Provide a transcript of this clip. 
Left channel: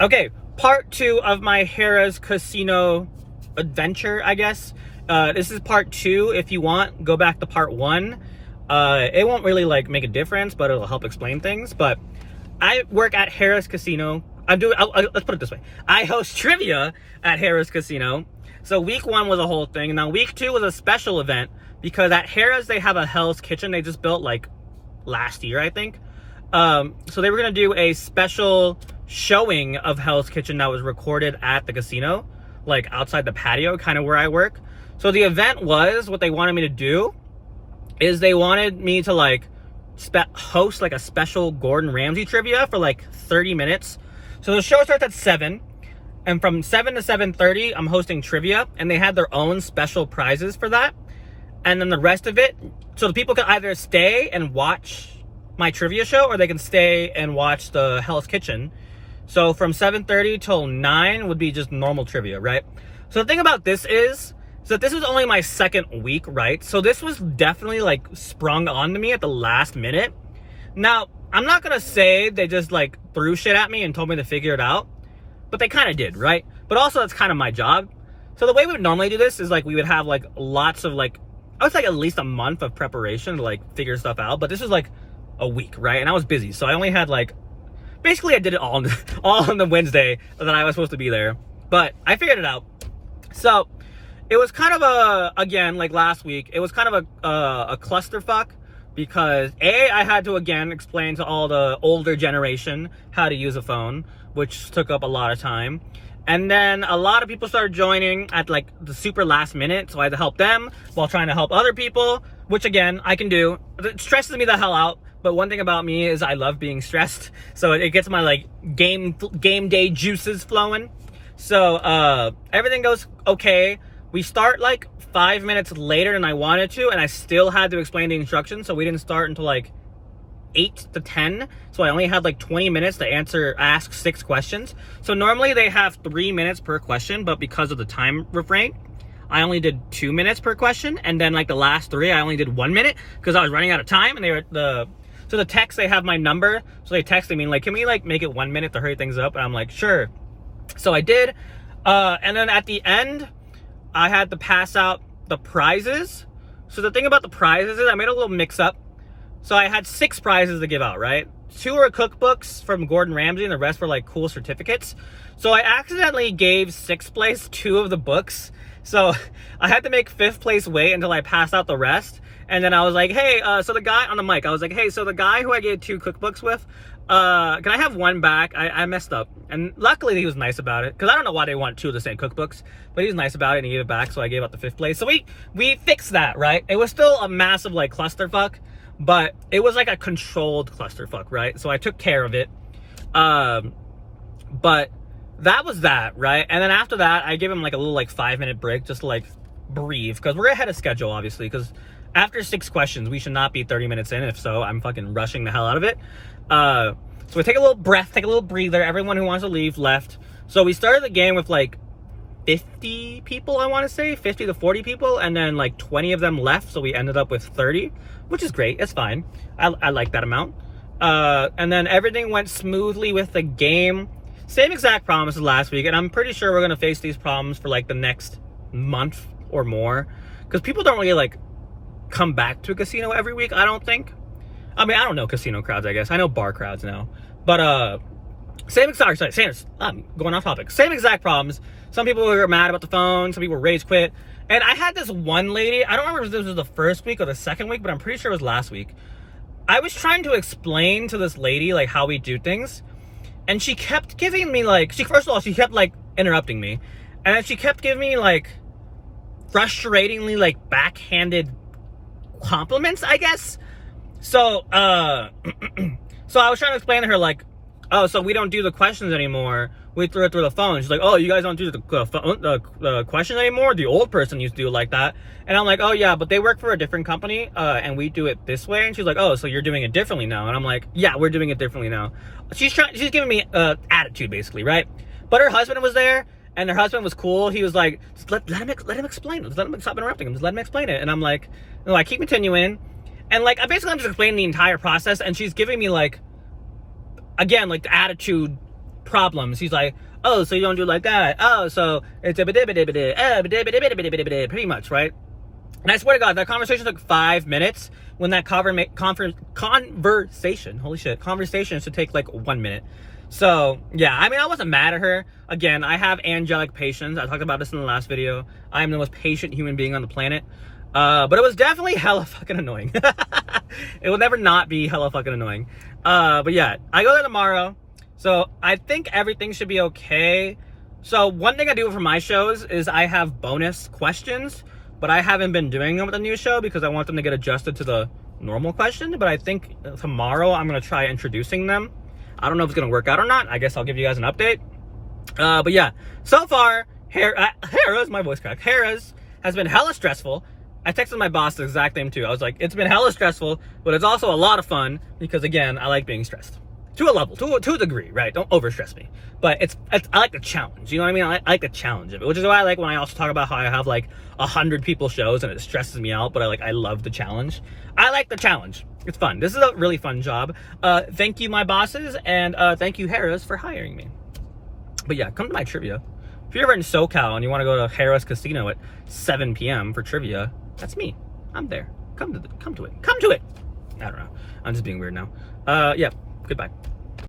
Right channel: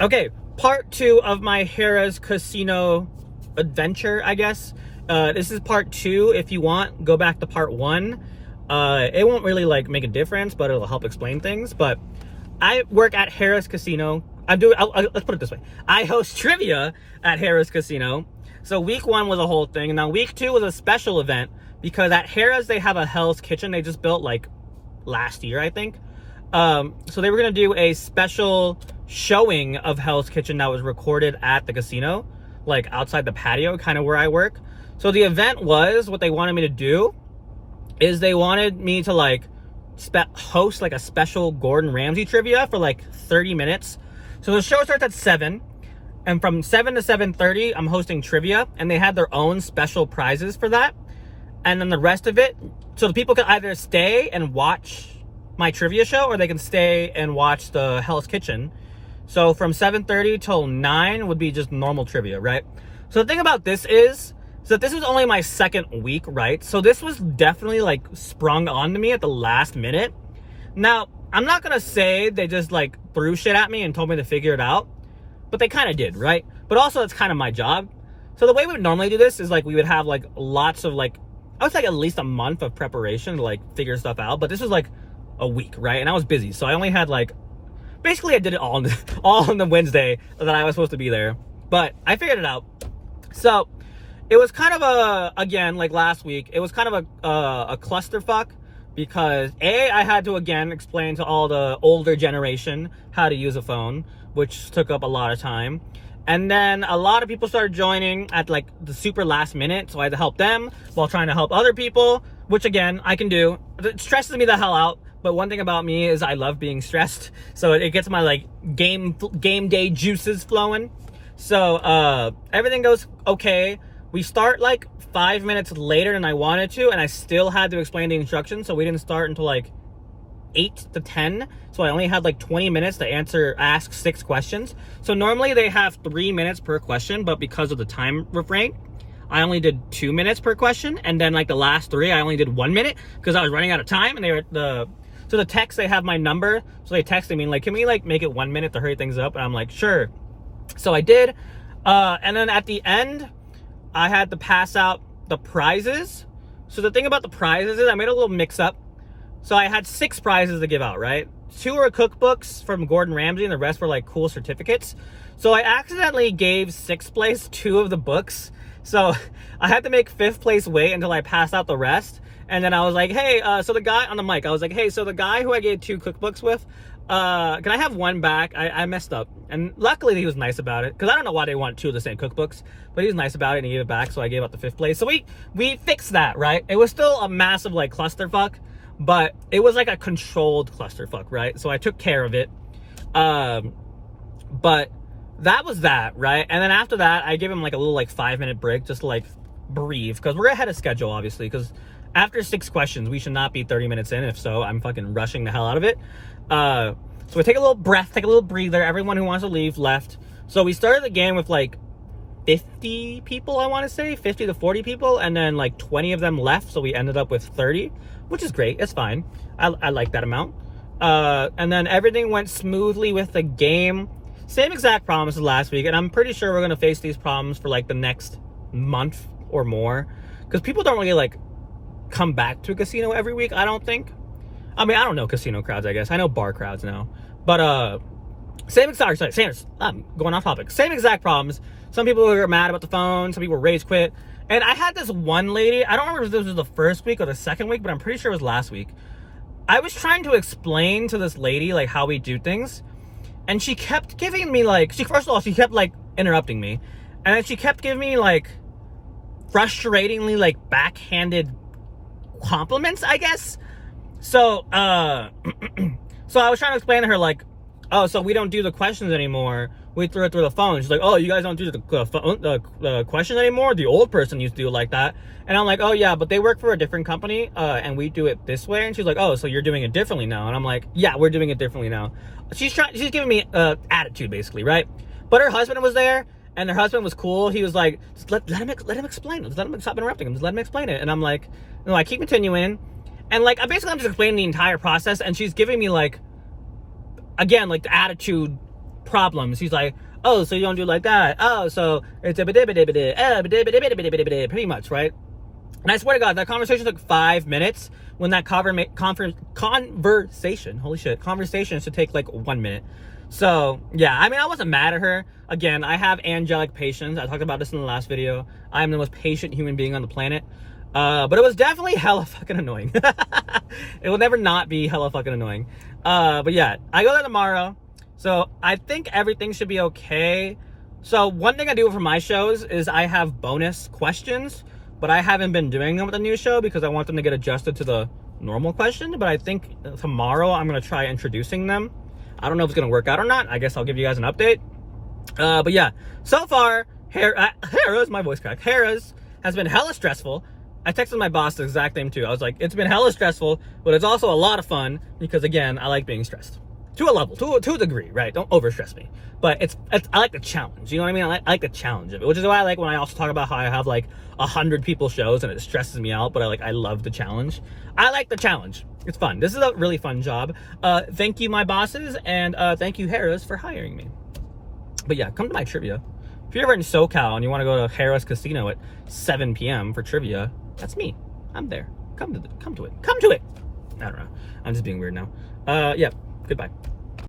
Okay, part 2 of my Harrah's Casino adventure, I guess. This is part 2. If you want, go back to part 1. It won't really like make a difference, but it'll help explain things. But I work at Harrah's Casino. Let's put it this way. I host trivia at Harrah's Casino. So week 1 was a whole thing, and now week 2 was a special event because at Harrah's they have a Hell's Kitchen they just built like last year, I think. So they were gonna do a special showing of Hell's Kitchen that was recorded at the casino, like outside the patio, kind of where I work. So the event was, what they wanted me to do is they wanted me to like host like a special Gordon Ramsay trivia for like 30 minutes. So the show starts at 7, and from 7 to 7:30, I'm hosting trivia, and they had their own special prizes for that. And then the rest of it, so the people can either stay and watch my trivia show, or they can stay and watch the Hell's Kitchen. So from 7:30 till 9 would be just normal trivia, right? So the thing about this is that this was only my second week, right? So this was definitely like sprung onto me at the last minute. Now, I'm not gonna say they just like threw shit at me and told me to figure it out, but they kind of did, right? But also that's kind of my job. So the way we would normally do this is like we would have like lots of like, I would say at least a month of preparation to like figure stuff out. But this was like a week, right? And I was busy, so I only had like, basically I did it all on the Wednesday that I was supposed to be there. But I figured it out. So it was kind of a, again, like last week, it was kind of a clusterfuck because I had to again explain to all the older generation how to use a phone, which took up a lot of time. And then a lot of people started joining at like the super last minute, so I had to help them while trying to help other people, which again, I can do. It stresses me the hell out, but one thing about me is I love being stressed, so it gets my like game day juices flowing. So everything goes okay. We start like 5 minutes later than I wanted to, and I still had to explain the instructions, so we didn't start until like 8 to 10. So I only had like 20 minutes to ask 6 questions. So normally they have 3 minutes per question, but because of the time refrain, I only did 2 minutes per question. And then like the last 3, I only did 1 minute because I was running out of time. And so the text, they have my number. So they texted me like, can we like make it 1 minute to hurry things up? And I'm like, sure. So I did. And then at the end, I had to pass out the prizes. So the thing about the prizes is I made a little mix up. So I had 6 prizes to give out, right? 2 were cookbooks from Gordon Ramsay, and the rest were like cool certificates. So I accidentally gave 6th place 2 of the books. So I had to make 5th place wait until I passed out the rest. And then I was like, hey, so the guy on the mic, I was like, hey, so the guy who I gave 2 cookbooks with, can I have 1 back? I messed up. And luckily he was nice about it, because I don't know why they want 2 of the same cookbooks, but he was nice about it and he gave it back, so I gave out the 5th place. So we fixed that, right? It was still a massive like clusterfuck, but it was like a controlled clusterfuck, right? So I took care of it. But that was that, right? And then after that, I gave him like a little like 5-minute break just to like breathe, because we're ahead of schedule, obviously, because after 6 questions, we should not be 30 minutes in. If so, I'm fucking rushing the hell out of it. So we take a little breath, take a little breather. Everyone who wants to leave left. So we started the game with like 50 people, I want to say, 50 to 40 people, and then like 20 of them left, so we ended up with 30, which is great. It's fine. I like that amount. And then everything went smoothly with the game. Same exact problems as last week, and I'm pretty sure we're gonna face these problems for like the next month or more, because people don't really like come back to a casino every week, I don't think. I mean, I don't know casino crowds, I guess. I know bar crowds now. But I'm going off topic. Same exact problems. Some people were mad about the phone, some people rage quit. And I had this one lady, I don't remember if this was the first week or the second week, but I'm pretty sure it was last week. I was trying to explain to this lady like how we do things, and she kept giving me like, first of all, she kept like interrupting me. And then she kept giving me like frustratingly like backhanded compliments, I guess. So so I was trying to explain to her like, oh, so we don't do the questions anymore, we throw it through the phone. She's like, oh, you guys don't do the questions anymore? The old person used to do it like that. And I'm like, oh yeah, but they work for a different company, and we do it this way. And she's like, oh, so you're doing it differently now? And I'm like, yeah, we're doing it differently now. She's giving me attitude, basically, right? But her husband was there, and her husband was cool. He was like, just let him explain it. Just let him stop interrupting him. Just let him explain it. And I'm like, no, I keep continuing. And like, I'm just explaining the entire process, and she's giving me like, again, like the attitude problems. He's like, oh, so you don't do like that. Oh, so it's a pretty much, right? And I swear to God, that conversation took 5 minutes when that conversation should take like 1 minute. So yeah, I mean, I wasn't mad at her. Again, I have angelic patience. I talked about this in the last video. I am the most patient human being on the planet. But it was definitely hella fucking annoying. It will never not be hella fucking annoying. But yeah, I go there tomorrow. So I think everything should be okay. So one thing I do for my shows is I have bonus questions, but I haven't been doing them with the new show because I want them to get adjusted to the normal question. But I think tomorrow I'm going to try introducing them. I don't know if it's going to work out or not. I guess I'll give you guys an update. But yeah, so far, Harrah's, my voice cracked. Harrah's has been hella stressful. I texted my boss the exact same too. I was like, it's been hella stressful, but it's also a lot of fun because, again, I like being stressed. To a level, to a degree, right? Don't overstress me. But I like the challenge. You know what I mean? I like the challenge of it, which is why I like when I also talk about how I have like 100 people shows and it stresses me out, but I love the challenge. I like the challenge. It's fun. This is a really fun job. Thank you, my bosses, and thank you, Harrah's, for hiring me. But yeah, come to my trivia. If you're ever in SoCal and you want to go to Harrah's Casino at 7 p.m. for trivia, that's me. I'm there. Come to it. Come to it. I don't know. I'm just being weird now. Yeah. Goodbye.